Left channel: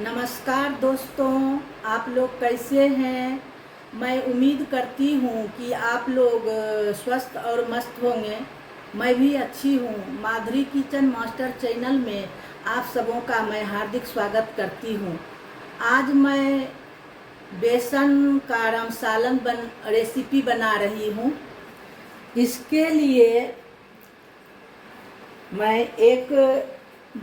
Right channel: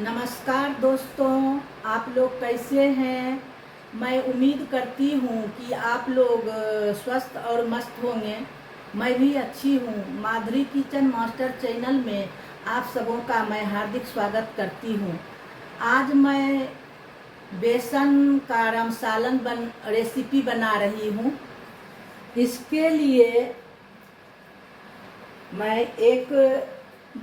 नमस्कार दोस्तों, आप लोग कैसे हैं। मैं उम्मीद करती हूँ कि आप लोग स्वस्थ और मस्त होंगे। मैं भी अच्छी हूँ। माधुरी किचन मास्टर चैनल में आप सबों का मैं हार्दिक स्वागत करती हूँ। आज मैं बेसन का रमसालन रेसिपी बना रही हूँ। इसके लिए मैं एक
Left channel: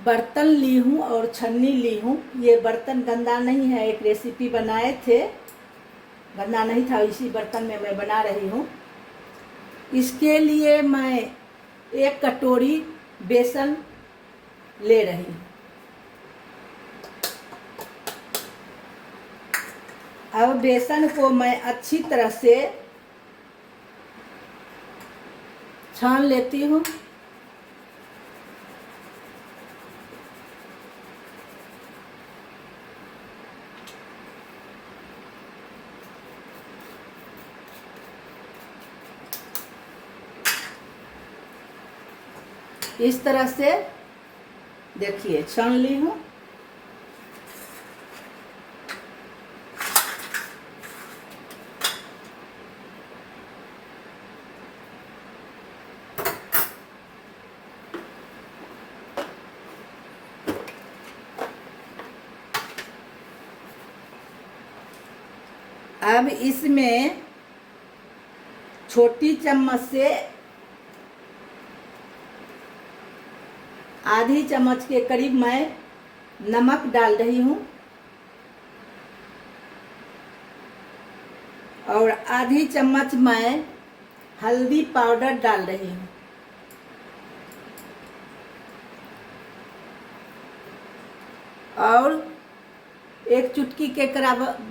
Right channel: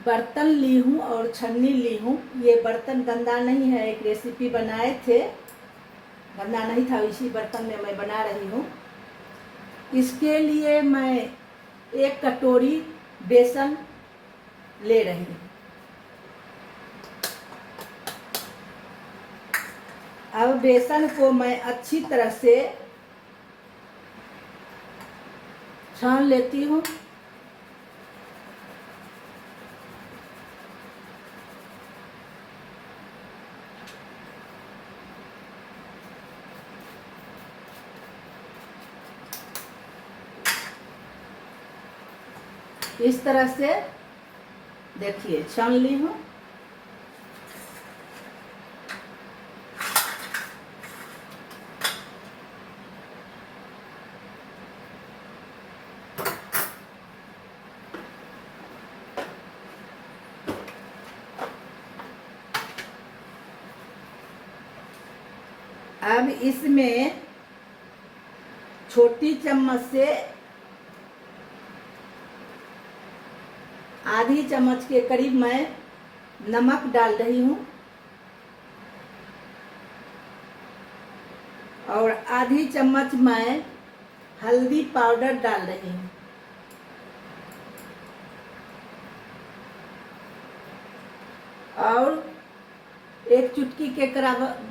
बर्तन ली हूँ और छन्नी ली हूँ। ये बर्तन गंदा नहीं है, एक रेसिपी बनाए थे, गंदा नहीं था, इसी बर्तन में मैं बना रही हूँ। इसके लिए मैं एक कटोरी बेसन ले रही हूँ। अब बेसन को मैं अच्छी तरह से छान लेती हूँ। इस तरह से देखिए छान ली हूँ। अब इसमें छोटी चम्मच से आधी चम्मच के करीब मैं नमक डाल रही हूँ और आधी चम्मच मैं हल्दी पाउडर डाल रही हूँ और एक चुटकी के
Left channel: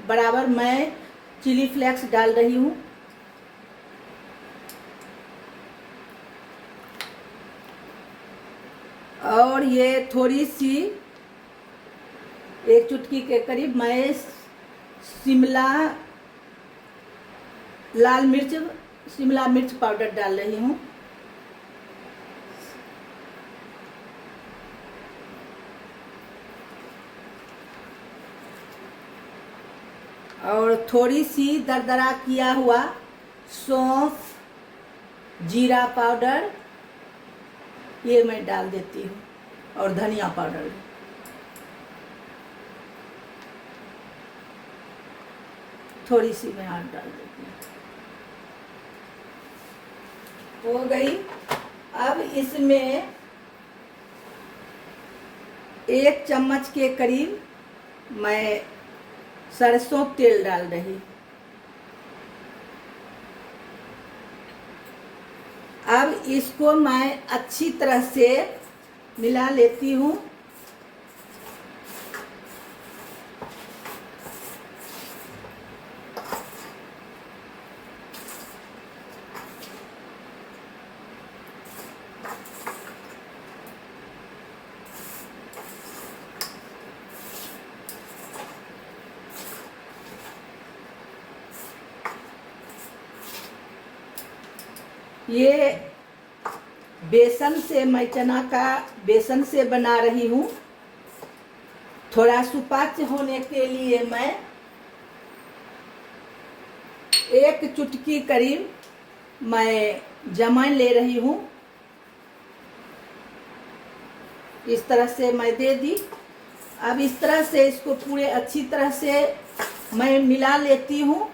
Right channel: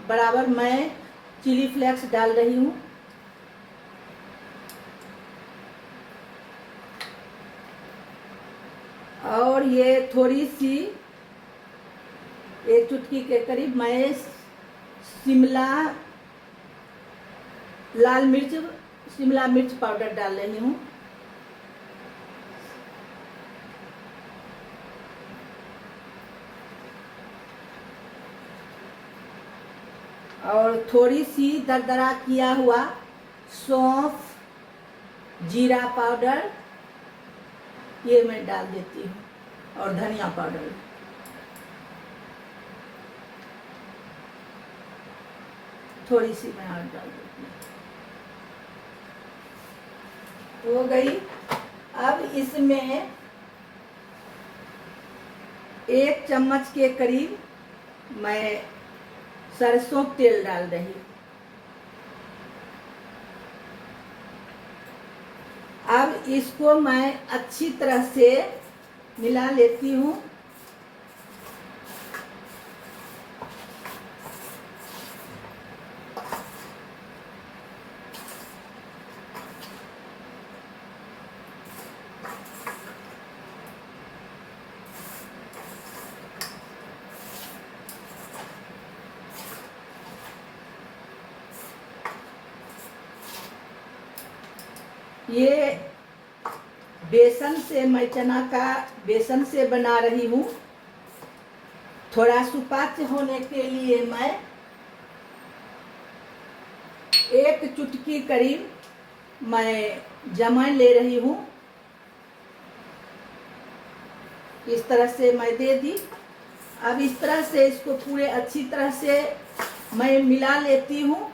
बराबर मैं चिली फ्लेक्स डाल रही हूँ। और ये थोड़ी सी एक चुटकी के करीब मैं शिमला मिर्च पाउडर डाल रही हूँ। और थोड़ी सी दरदरा किया हुआ सौंफ, जीरा पाउडर ये मैं डाल देती हूँ और धनिया पाउडर थोड़ी सी मैं और डाल देती हूँ। हो गई। अब इसमें एक चम्मच के करीब मैं सरसों तेल डाल रही हूँ। अब इसको मैं अच्छी तरह से मिला लेती हूँ। ये बेसन से मैं चना का बेसन से बना रही हूँ। थोड़ा सुपाच्य होने के लिए मैं एक चुटकी करीब मैं जमैन ले रही हूँ। इस तरह से मैं दे दी। अब इस तरह से इसको पूरे अच्छी तरह से मैं मिला लेती हूँ।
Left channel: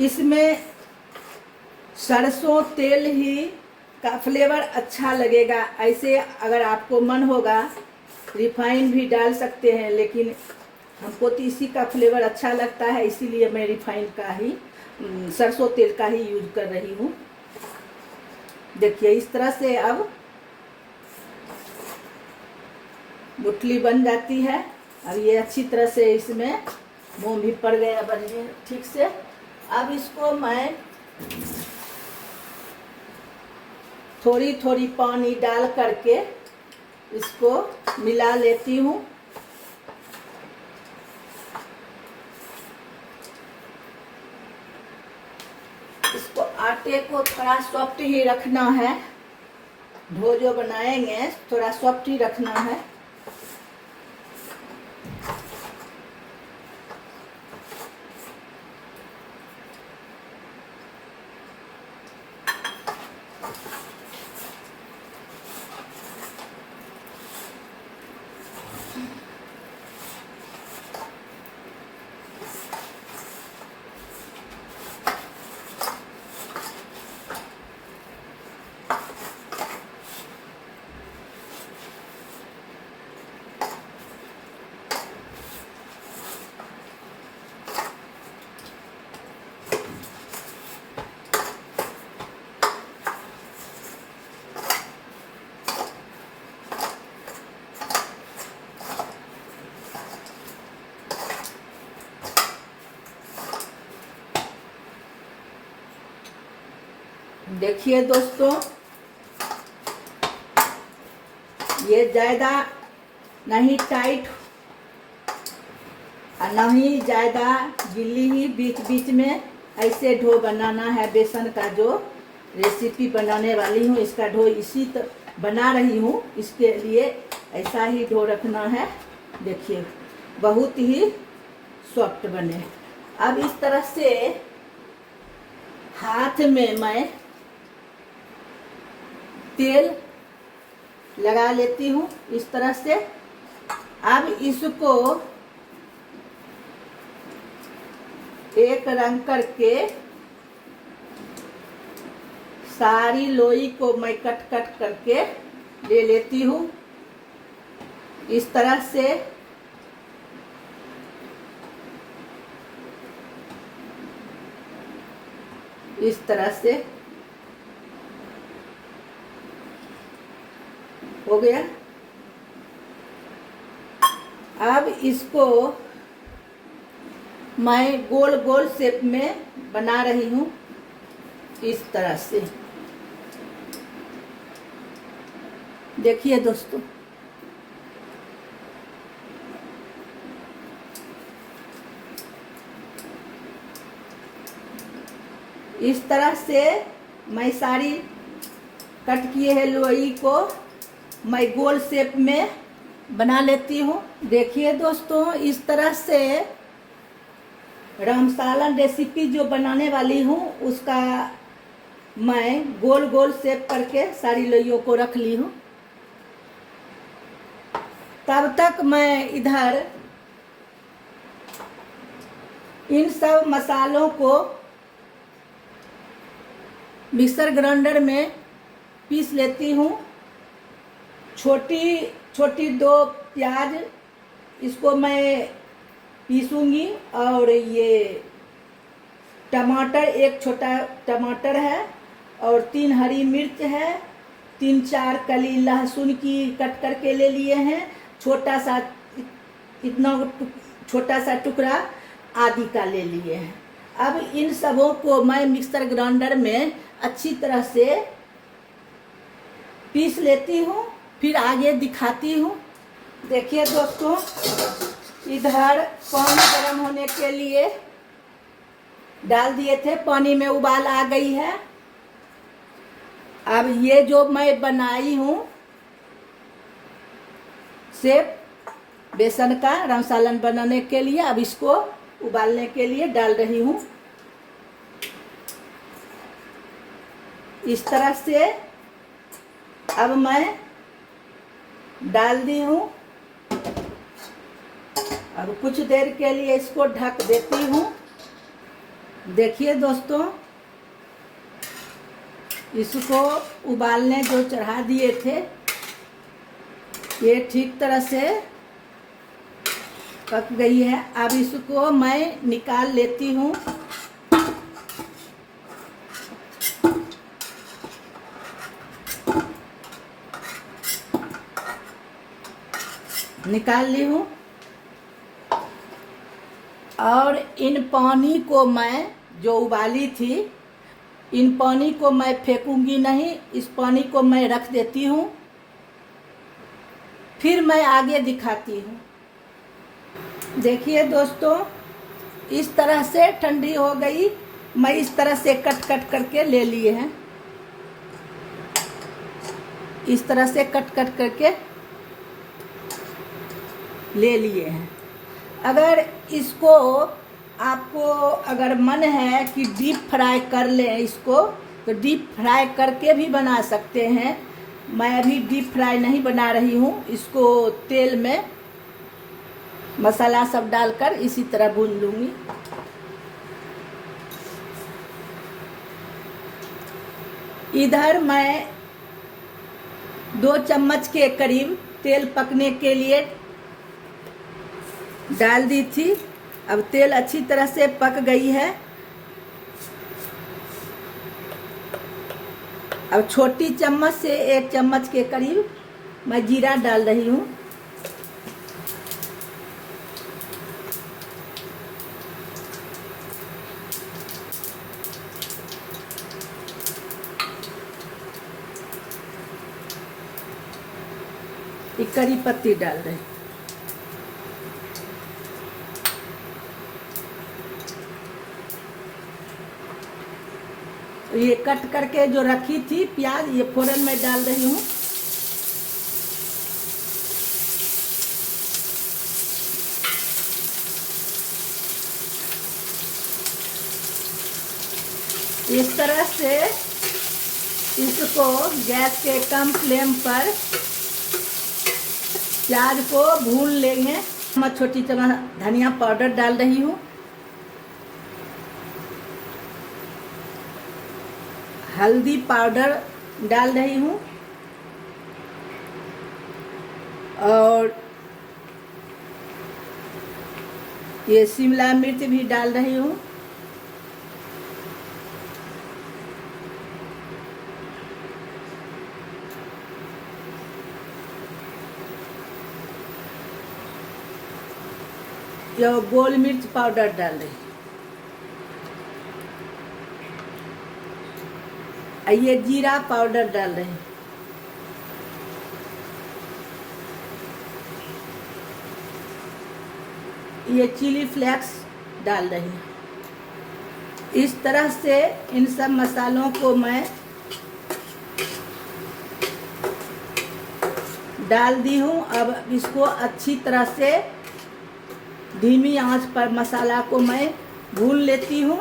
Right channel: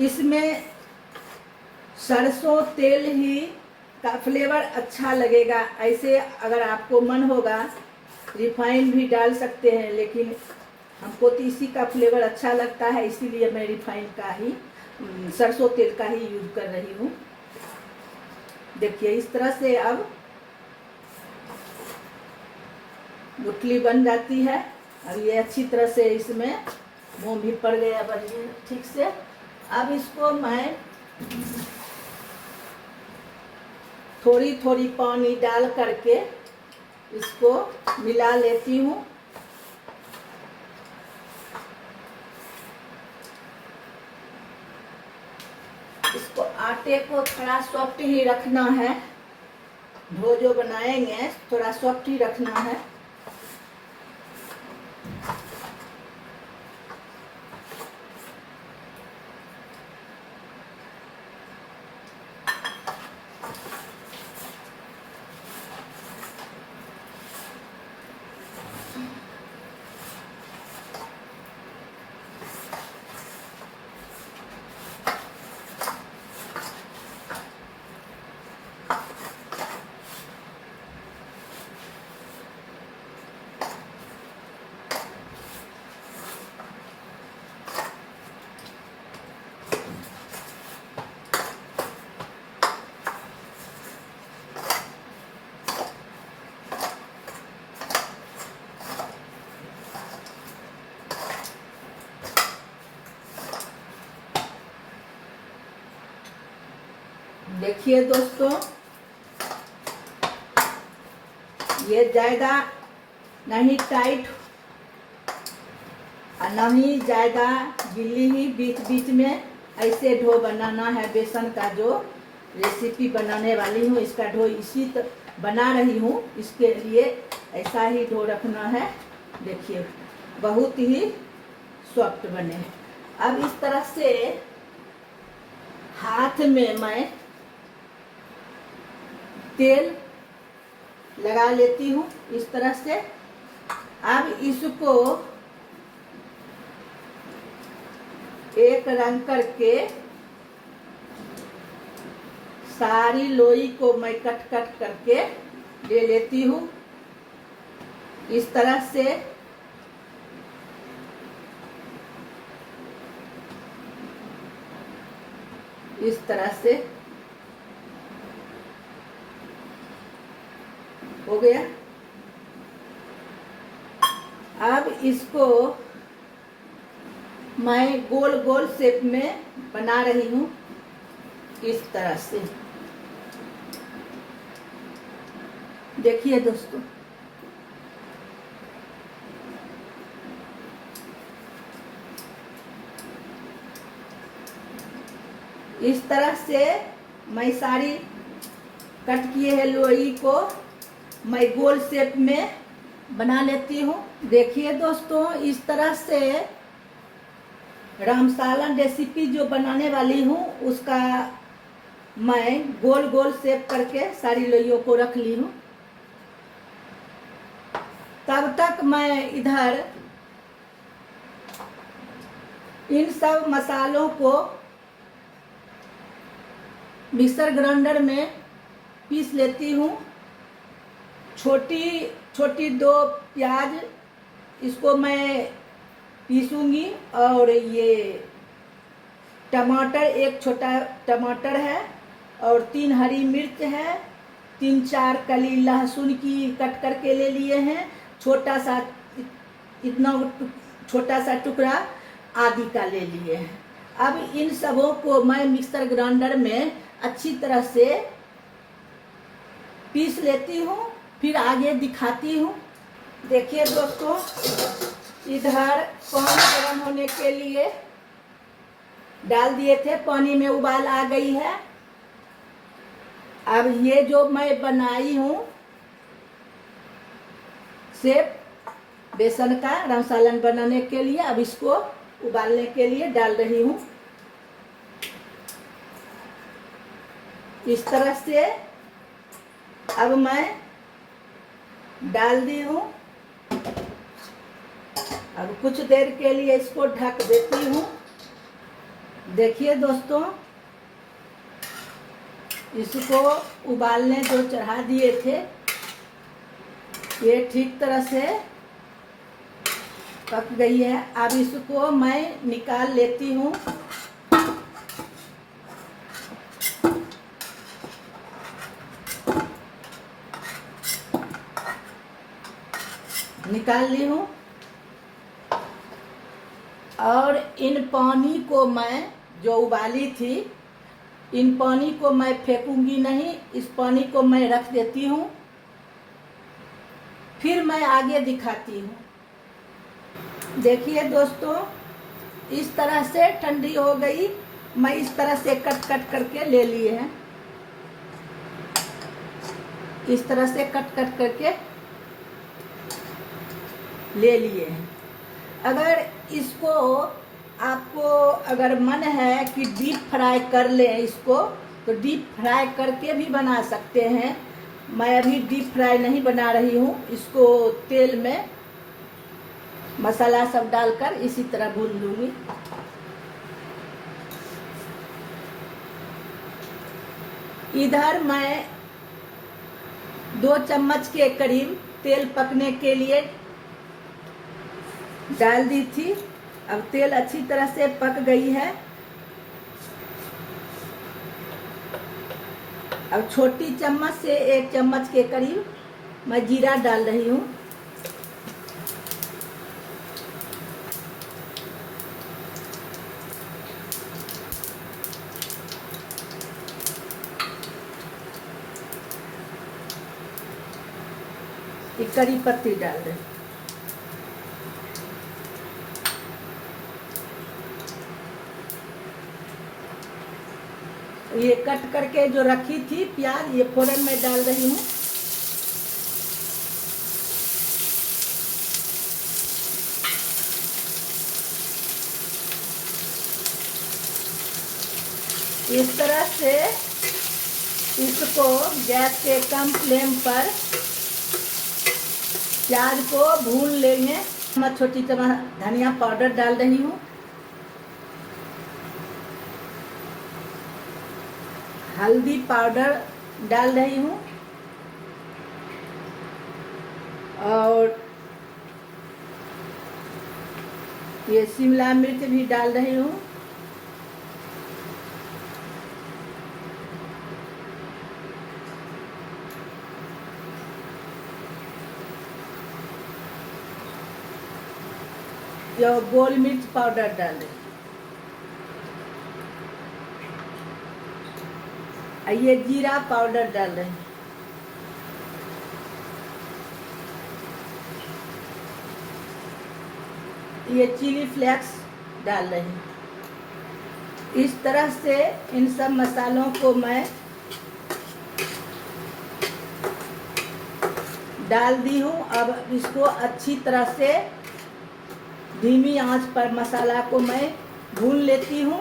इसमें सरसों तेल ही का फ्लेवर अच्छा लगेगा। ऐसे अगर आपको मन होगा रिफाइन भी डाल सकते हैं, लेकिन हमको तो इसी का फ्लेवर अच्छा लगता है, इसीलिए मैं रिफाइन का ही सरसों तेल का ही यूज कर रही हूँ। देखिए इस तरह से अब गुठली बन जाती है। अब ये अच्छी तरह से इसमें मोम भी पड़ गया बढ़िया ठीक से। अब इसको मैं थोड़ी थोड़ी पानी डाल करके इसको मिला लेती हूँ। इसको आटे को थोड़ा सॉफ्ट ही रखना है। डो जो बनाएंगे थोड़ा सॉफ्ट ही रखना है। देखिए दोस्तों, ये ज़्यादा नहीं टाइट और नहीं ज़्यादा गिल्ली ही, बीच बीच में ऐसे डो बनाना है। बेसन का जो रेसिपी बनाने वाली हूँ, इसका डो इसी तो बना रही हूँ, इसके लिए ऐसा ही डो रखना है। देखिए बहुत ही सॉफ्ट बने। अब इस तरह से हाथ में मैं तेल लगा लेती हूँ इस तरह से। अब इसको एक रंग करके सारी लोई को मैं कट कट करके ले लेती हूँ इस तरह से। इस तरह से हो गया। अब इसको मैं गोल गोल शेप में बना रही हूँ इस तरह से। देखिए दोस्तों, इस तरह से मैं सारी कट किए है लोई को मैं गोल शेप में बना लेती हूँ। देखिए दोस्तों, इस तरह से रामसालन रेसिपी जो बनाने वाली हूँ उसका मैं गोल गोल शेप करके सारी लोइयों को रख ली हूँ। तब तक मैं इधर इन सब मसालों को मिक्सर ग्राइंडर में पीस लेती हूँ। छोटी छोटी 2 प्याज इसको मैं पीसूंगी, और ये टमाटर, 1 छोटा टमाटर है, और 3 हरी मिर्च है, 3-4 कली लहसुन की कट करके ले लिए हैं, छोटा सा इतना छोटा सा टुकड़ा आदि का ले लिए हैं। अब इन सबों को मैं मिक्सर ग्राइंडर में अच्छी तरह से पीस लेती हूँ, फिर आगे दिखाती हूँ। देखिए दोस्तों, इधर पानी गर्म होने के लिए डाल दिए थे, पानी में उबाल आ गई है। अब ये जो मैं बनाई हूँ शेप बेसन का रामसालन बनाने के लिए, अब इसको उबालने के लिए डाल रही हूँ। इस तरह से अब मैं डाल दी हूँ। अब कुछ देर के लिए इसको ढक देती हूँ। देखिए दोस्तों, इसको उबालने जो चढ़ा दिए थे ये ठीक तरह से पक गई है। अब इसको मैं निकाल लेती हूँ। निकाल ली हूँ, और इन पानी को मैं जो उबाली थी, इन पानी को मैं फेंकूंगी नहीं, इस पानी को मैं रख देती हूँ। फिर मैं आगे दिखाती हूँ। देखिए दोस्तों, इस तरह से ठंडी हो गई। मैं इस तरह से कट कट करके ले लिए हैं। इस तरह से कट कट करके ले लिए हैं। अगर इसको आपको अगर मन है कि डीप फ्राई कर लें इसको, तो डीप फ्राई करके भी बना सकते हैं। मैं अभी डीप फ्राई नहीं बना रही हूँ, इसको तेल में मसाला सब डालकर इसी तरह भून दूंगी। इधर मैं 2 चम्मच के करीब तेल पकने के लिए डाल दी थी। अब तेल अच्छी तरह से पक गई है। अब छोटी चम्मच से 1 चम्मच के करीब मैं जीरा डाल रही हूँ। एक करी पत्ती डाल रही। ये कट करके जो रखी थी प्याज, ये फोरन में डाल रही हूँ। इस तरह से इसको गैस के कम फ्लेम पर प्याज को भून लेंगे। मैं छोटी चम्मच धनिया पाउडर डाल रही हूँ। हल्दी पाउडर डाल रही हूँ और ये शिमला मिर्च भी डाल रही हूँ। ये गोल मिर्च पाउडर डाल रही हूँ। ये जीरा पाउडर डाल रहे हैं। ये चिली फ्लेक्स डाल रही हूँ। इस तरह से इन सब मसालों को मैं डाल दी हूँ। अब इसको अच्छी तरह से धीमी आंच पर मसाला को मैं भून लेती हूँ।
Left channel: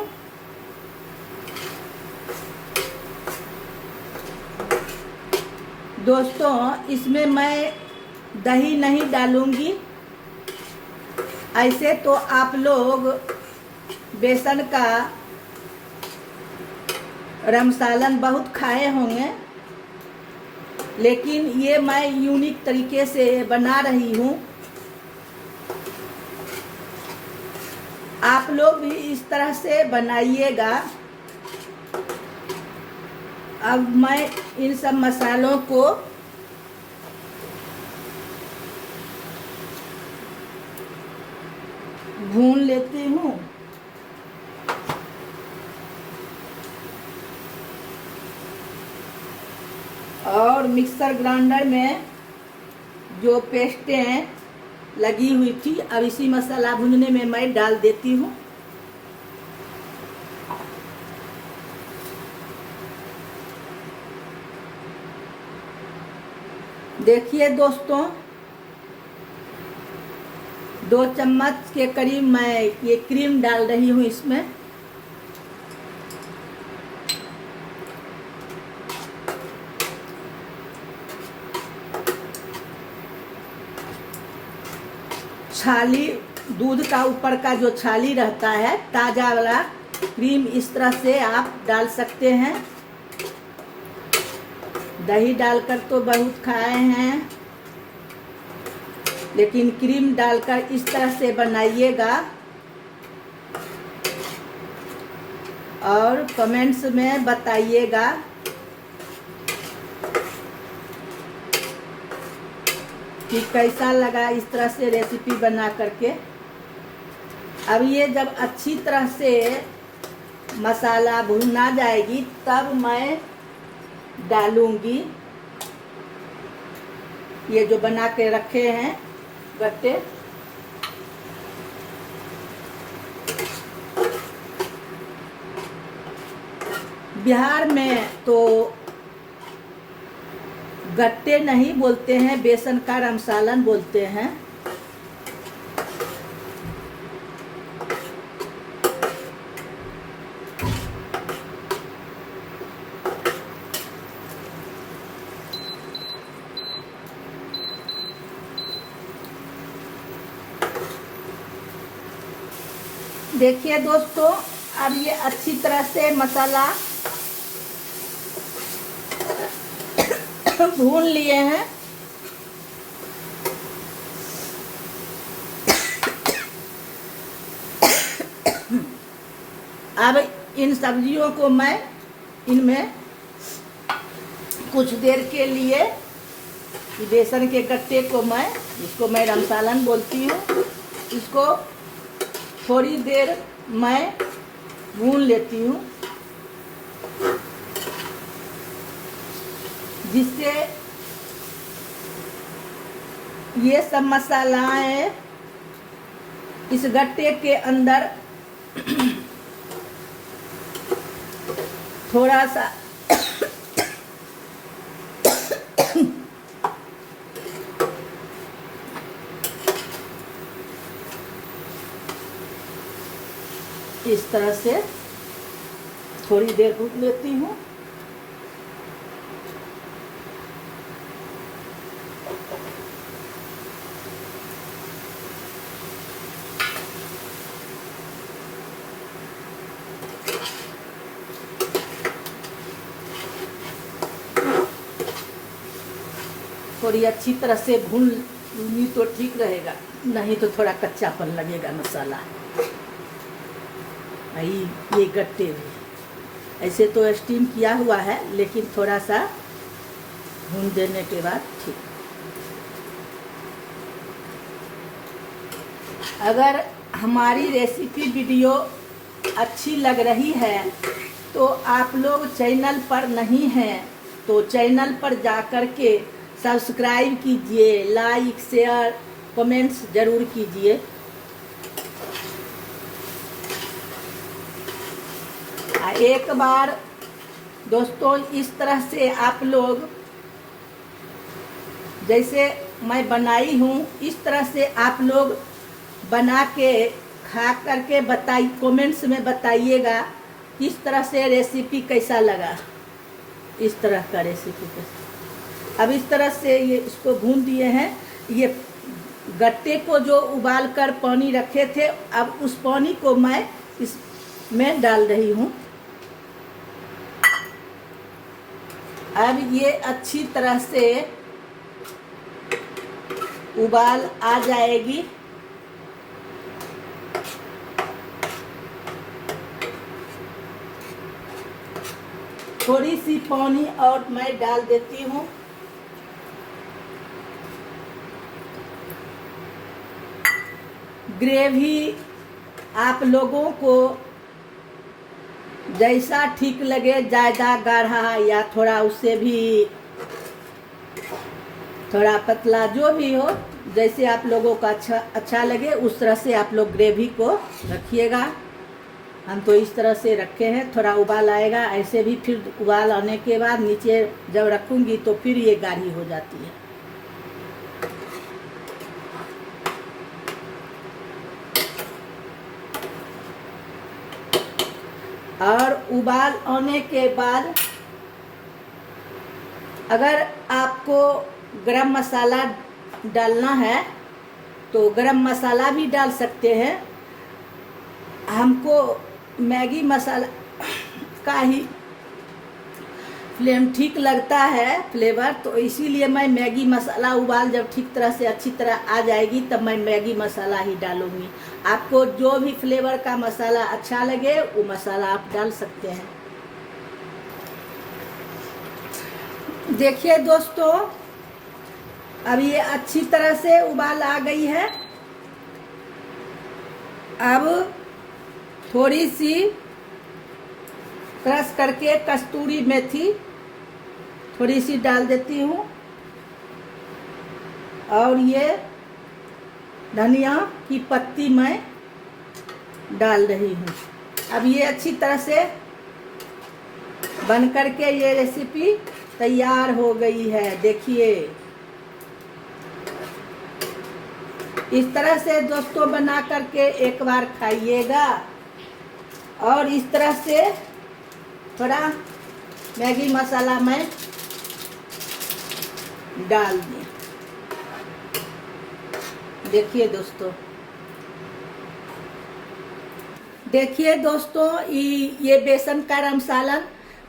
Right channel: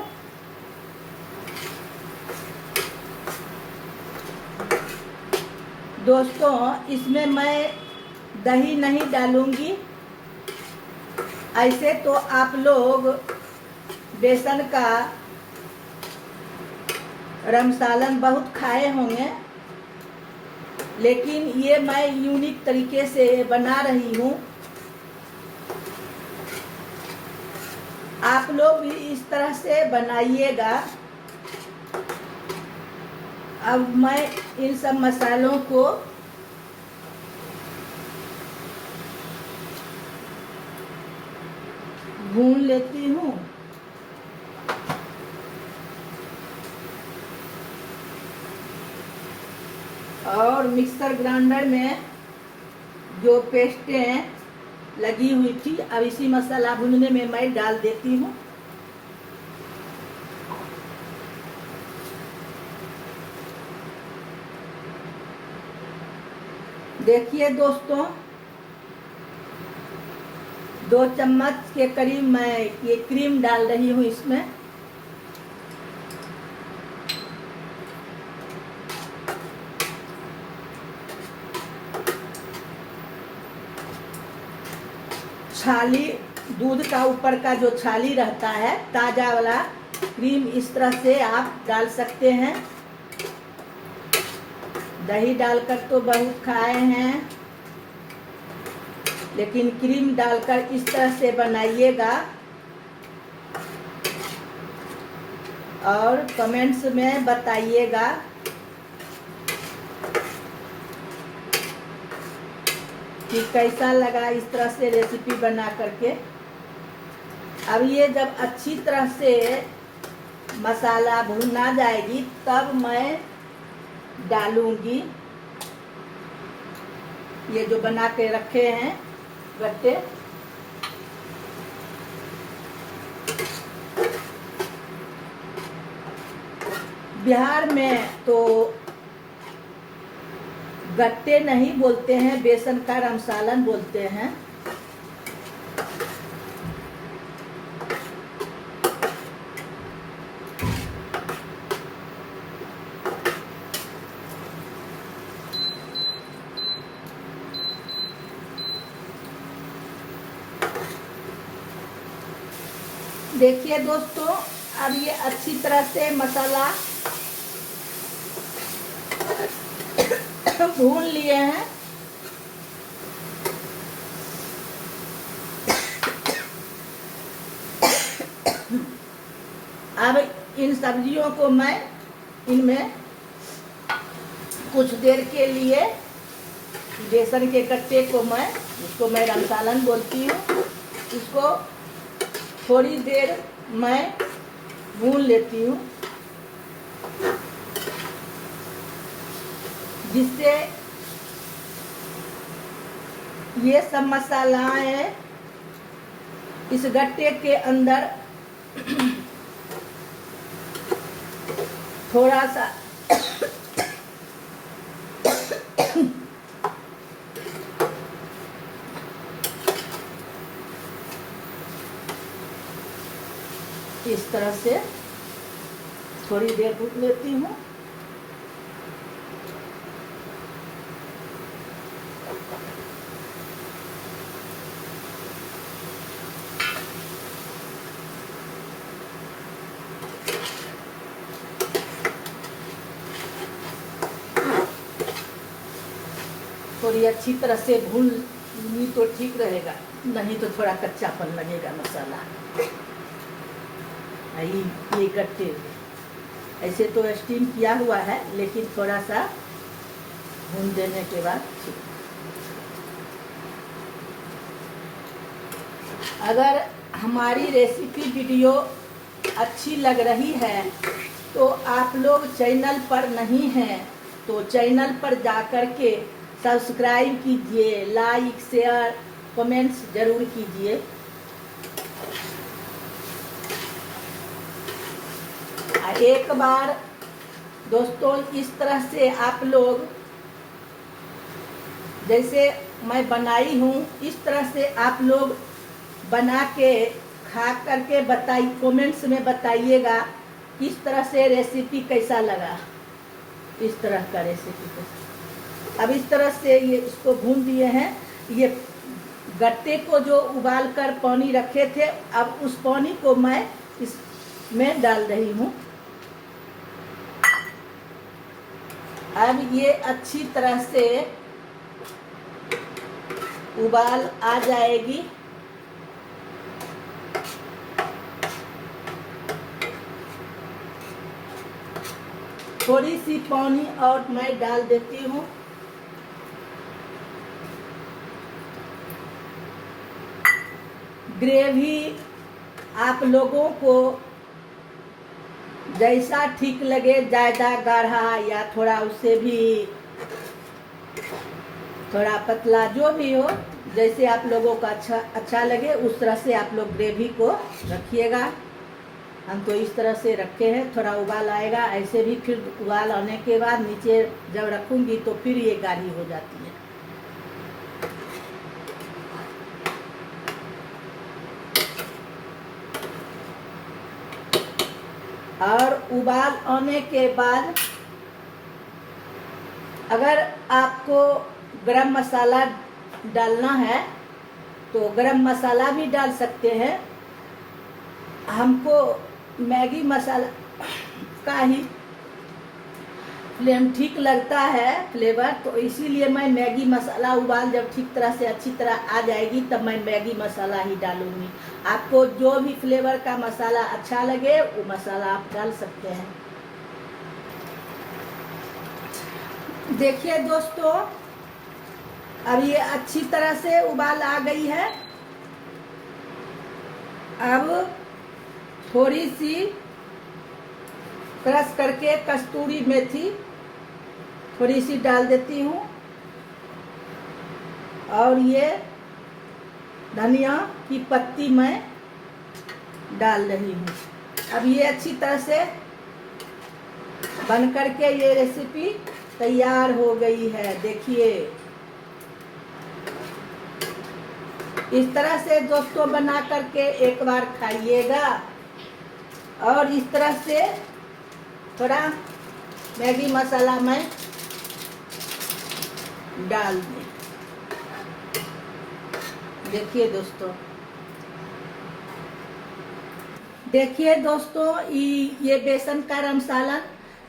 दोस्तों, इसमें मैं दही नहीं डालूंगी। ऐसे तो आप लोग बेसन का रमसालन बहुत खाए होंगे, लेकिन ये मैं यूनिक तरीके से बना रही हूँ। आप लोग भी इस तरह से बनाइएगा। अब मैं इन सब मसालों को भून लेती हूँ। और मिक्सर ग्राइंडर में जो पेस्टें लगी हुई थी, अब इसी मसाला भूनने में मैं डाल देती हूँ। देखिए दोस्तों, 2 चम्मच के करीब मैं ये क्रीम डाल रही हूँ इसमें। छाली, दूध का ऊपर का जो छाली रहता है, ताजा वाला क्रीम इस तरह से आप डाल सकते हैं। दही डालकर तो बहुत खाए हैं, लेकिन क्रीम डालकर इस तरह से बनाइएगा। और कमेंट्स में बताइएगा कि कैसा लगा इस तरह से रेसिपी बना करके। अब ये जब अच्छी तरह से मसाला भुना जाएगी, तब मैं डालूंगी ये जो बना के रखे हैं गट्टे। बिहार में तो गट्टे नहीं बोलते हैं, बेसन का रमसालन बोलते हैं। देखिए दोस्तों, अब ये अच्छी तरह से मसाला भून लिए हैं। अब इन सब्जियों को मैं इनमें कुछ देर के लिए बेसन के गट्टे को इसको मैं रमसालन बोलती हूँ, इसको थोड़ी देर मैं भून लेती हूँ, जिससे ये सब मसालाएं इस गट्टे के अंदर थोड़ा सा इस तरह से थोड़ी देर भून लेती हूँ। थोड़ी अच्छी तरह से भूनी तो ठीक रहेगा, नहीं तो थोड़ा कच्चापन लगेगा मसाला। ये गट्टे भी ऐसे तो स्टीम किया हुआ है, लेकिन थोड़ा सा भून देने के बाद ठीक। अगर हमारी रेसिपी वीडियो अच्छी लग रही है तो आप लोग चैनल पर नहीं हैं तो चैनल पर जाकर के सब्सक्राइब कीजिए, लाइक शेयर कमेंट्स जरूर कीजिए। एक बार दोस्तों इस तरह से आप लोग जैसे मैं बनाई हूँ, इस तरह से आप लोग बना के खा करके कमेंट्स में बताइएगा किस तरह से रेसिपी कैसा लगा। इस तरह का रेसिपी कैसा। अब इस तरह से ये इसको भून दिए हैं। ये गट्टे को जो उबाल कर पानी रखे थे, अब उस पानी को मैं इसमें डाल रही हूँ। अब ये अच्छी तरह से उबाल आ जाएगी। थोड़ी सी पानी और मैं डाल देती हूँ। ग्रेवी आप लोगों को जैसा ठीक लगे, ज़्यादा गाढ़ा या थोड़ा उससे भी थोड़ा पतला, जो भी हो, जैसे आप लोगों को अच्छा लगे उस तरह से आप लोग ग्रेवी को रखिएगा। हम तो इस तरह से रखे हैं। थोड़ा उबाल आएगा, ऐसे भी फिर उबाल आने के बाद नीचे जब रखूंगी तो फिर ये गाढ़ी हो जाती है। और उबाल आने के बाद अगर आपको गरम मसाला डालना है तो गरम मसाला भी डाल सकते हैं। हमको मैगी मसाला का ही फ्लेम ठीक लगता है, फ्लेवर, तो इसीलिए मैं मैगी मसाला उबाल जब ठीक तरह से अच्छी तरह आ जाएगी तब मैं मैगी मसाला ही डालूंगी। आपको जो भी फ्लेवर का मसाला अच्छा लगे वो मसाला आप डाल सकते हैं। देखिए दोस्तों, अब ये अच्छी तरह से उबाल आ गई है। अब थोड़ी सी क्रश करके कस्तूरी मेथी थोड़ी सी डाल देती हूँ और ये धनिया की पत्ती मैं डाल रही हूँ। अब ये अच्छी तरह से बन करके ये रेसिपी तैयार हो गई है। देखिए इस तरह से दोस्तों बना करके एक बार खाइएगा। और इस तरह से थोड़ा मैगी मसाला मैं डाल दें। देखिए दोस्तों, देखिए दोस्तों, ये बेसन का रमसालन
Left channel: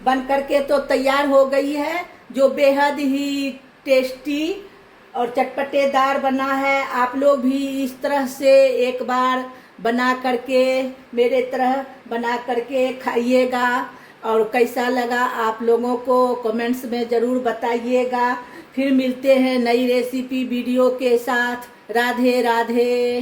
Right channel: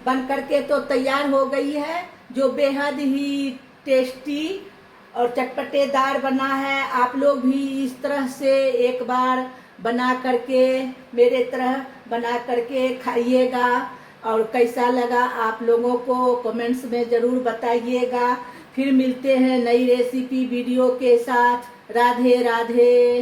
बन करके तो तैयार हो गई है, जो बेहद ही टेस्टी और चटपटेदार बना है। आप लोग भी इस तरह से एक बार बना करके मेरे तरह बना करके खाइएगा। और कैसा लगा आप लोगों को कमेंट्स में ज़रूर बताइएगा। फिर मिलते हैं नई रेसिपी वीडियो के साथ। राधे राधे।